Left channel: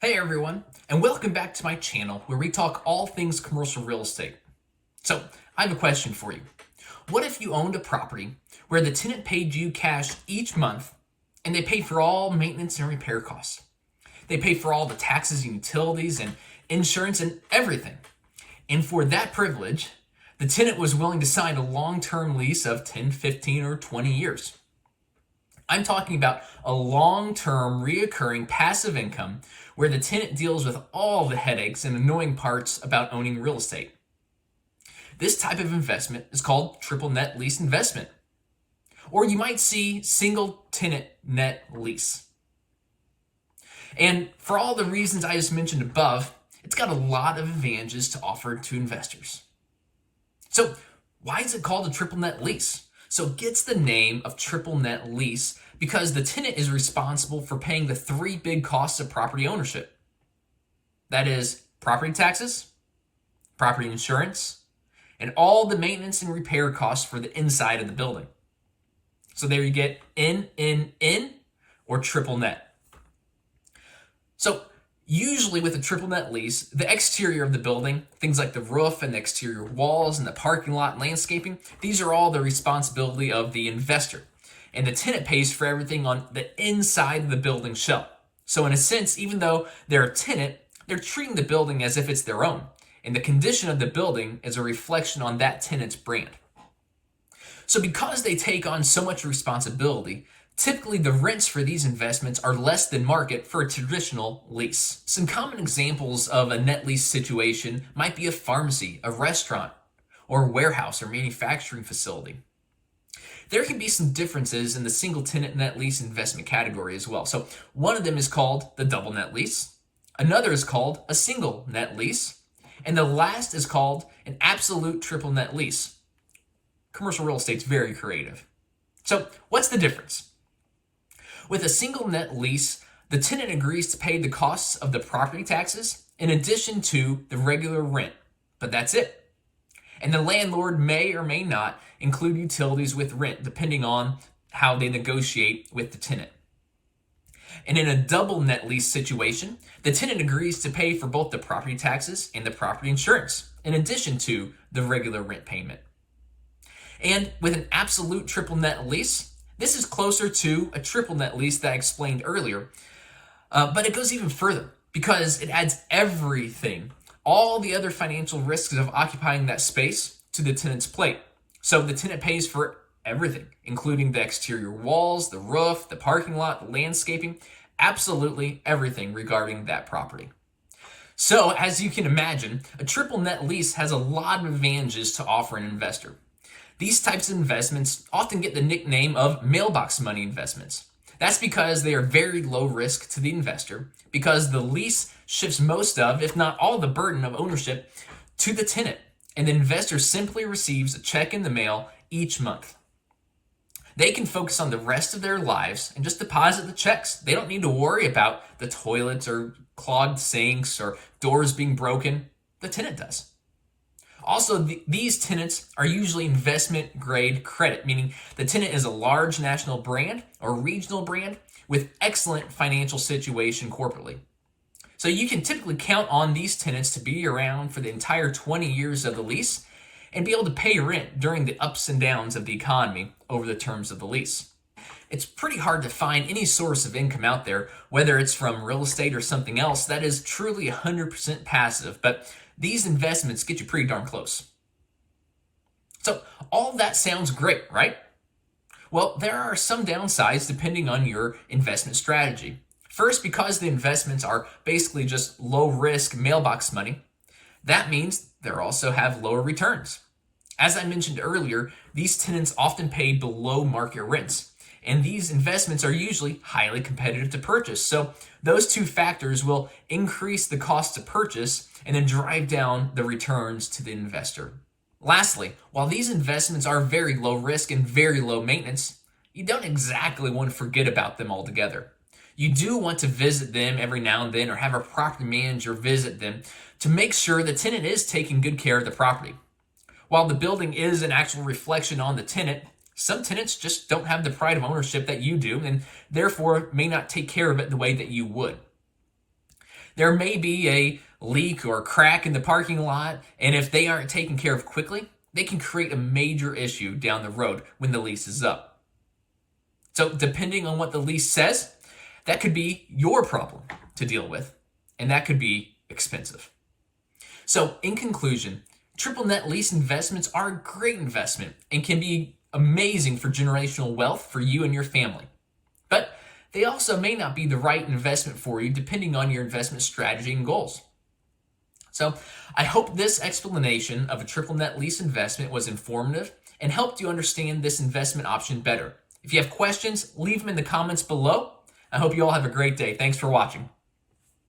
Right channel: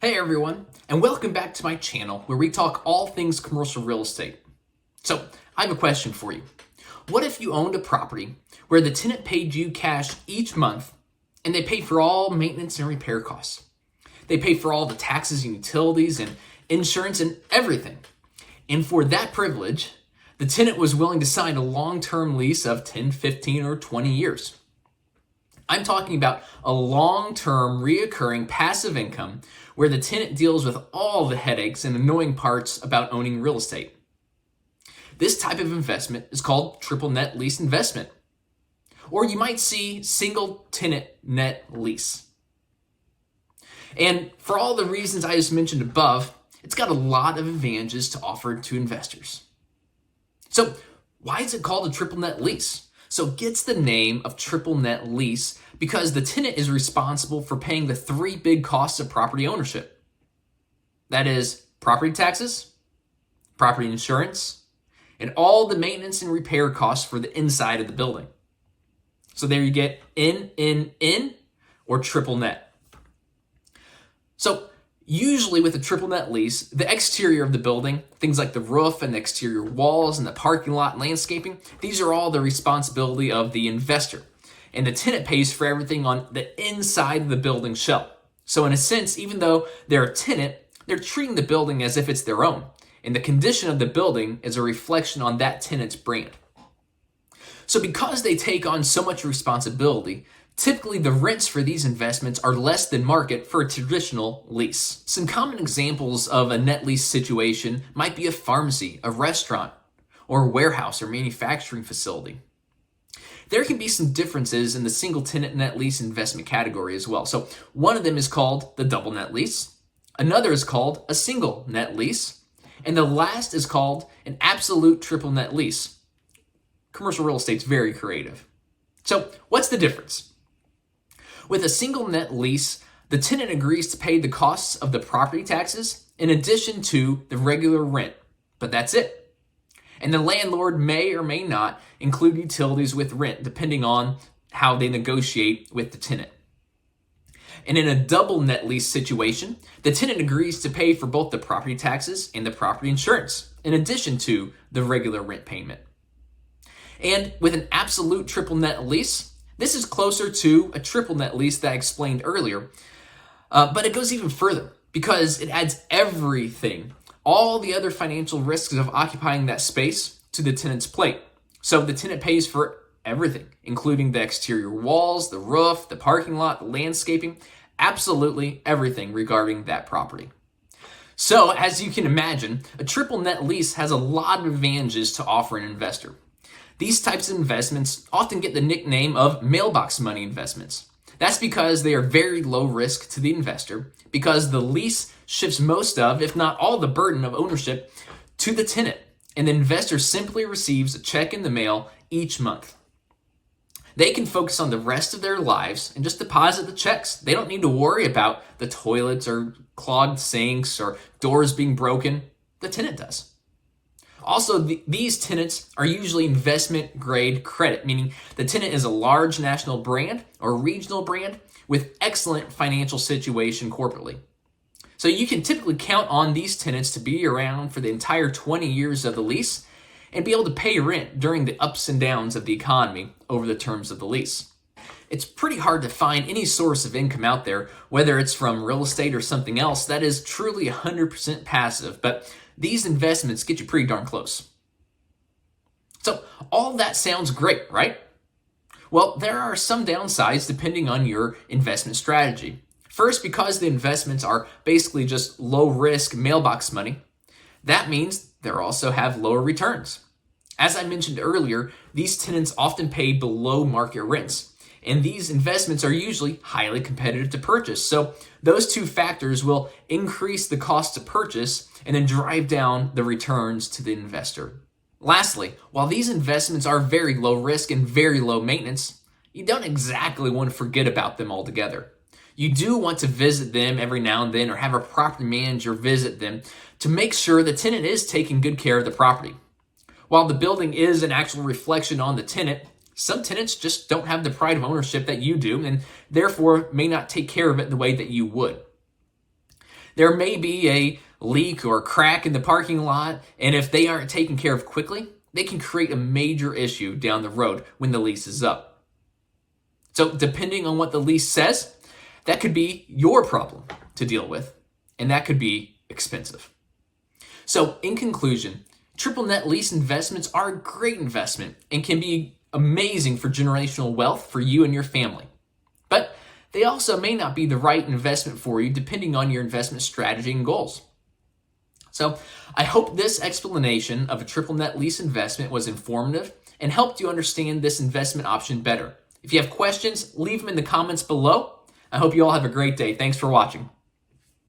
Hey everyone, and welcome back to my channel where we talk all things commercial real estate. So, I have a question for you. What if you owned a property where the tenant paid you cash each month and they paid for all maintenance and repair costs? They paid for all the taxes and utilities and insurance and everything. And for that privilege, the tenant was willing to sign a long-term lease of 10, 15, or 20 years. I'm talking about a long-term, reoccurring passive income where the tenant deals with all the headaches and annoying parts about owning real estate. This type of investment is called triple net lease investment, or you might see single tenant net lease. And for all the reasons I just mentioned above, it's got a lot of advantages to offer to investors. So why is it called a triple net lease? So it gets the name of triple net lease because the tenant is responsible for paying the three big costs of property ownership. That is property taxes, property insurance, and all the maintenance and repair costs for the inside of the building. So there you get NNN or triple net. So usually with a triple net lease, the exterior of the building, things like the roof and the exterior walls and the parking lot and landscaping, these are all the responsibility of the investor. And the tenant pays for everything on the inside of the building shell. So in a sense, even though they're a tenant, they're treating the building as if it's their own. And the condition of the building is a reflection on that tenant's brand. So because they take on so much responsibility, typically the rents for these investments are less than market for a traditional lease. Some common examples of a net lease situation might be a pharmacy, a restaurant, or a warehouse or manufacturing facility. There can be some differences in the single tenant net lease investment category as well. So one of them is called the double net lease, another is called a single net lease, and the last is called an absolute triple net lease. Commercial real estate's very creative. So what's the difference? With a single net lease, the tenant agrees to pay the costs of the property taxes in addition to the regular rent, but that's it. And the landlord may or may not include utilities with rent, depending on how they negotiate with the tenant. And in a double net lease situation, the tenant agrees to pay for both the property taxes and the property insurance, in addition to the regular rent payment. And with an absolute triple net lease, this is closer to a triple net lease that I explained earlier, but it goes even further because it adds everything, all the other financial risks of occupying that space to the tenant's plate. So the tenant pays for everything, including the exterior walls, the roof, the parking lot, the landscaping, absolutely everything regarding that property. So as you can imagine, a triple net lease has a lot of advantages to offer an investor. These types of investments often get the nickname of mailbox money investments. That's because they are very low risk to the investor because the lease shifts most of, if not all, the burden of ownership to the tenant, and the investor simply receives a check in the mail each month. They can focus on the rest of their lives and just deposit the checks. They don't need to worry about the toilets or clogged sinks or doors being broken. The tenant does. Also, these tenants are usually investment grade credit, meaning the tenant is a large national brand or regional brand with excellent financial situation corporately. So you can typically count on these tenants to be around for the entire 20 years of the lease and be able to pay rent during the ups and downs of the economy over the terms of the lease. It's pretty hard to find any source of income out there, whether it's from real estate or something else, that is truly 100% passive, but these investments get you pretty darn close. So all that sounds great, right? Well, there are some downsides depending on your investment strategy. First, because the investments are basically just low risk mailbox money, that means they also have lower returns. As I mentioned earlier, these tenants often pay below market rents, and these investments are usually highly competitive to purchase. So those two factors will increase the cost to purchase and then drive down the returns to the investor. Lastly, while these investments are very low risk and very low maintenance, you don't exactly want to forget about them altogether. You do want to visit them every now and then or have a property manager visit them to make sure the tenant is taking good care of the property. While the building is an actual reflection on the tenant, some tenants just don't have the pride of ownership that you do and therefore may not take care of it the way that you would. There may be a leak or crack in the parking lot, and if they aren't taken care of quickly, they can create a major issue down the road when the lease is up. So depending on what the lease says, that could be your problem to deal with, and that could be expensive. So in conclusion, triple net lease investments are a great investment and can be amazing for generational wealth for you and your family. But they also may not be the right investment for you depending on your investment strategy and goals. So I hope this explanation of a triple net lease investment was informative and helped you understand this investment option better. If you have questions, leave them in the comments below. I hope you all have a great day. Thanks for watching.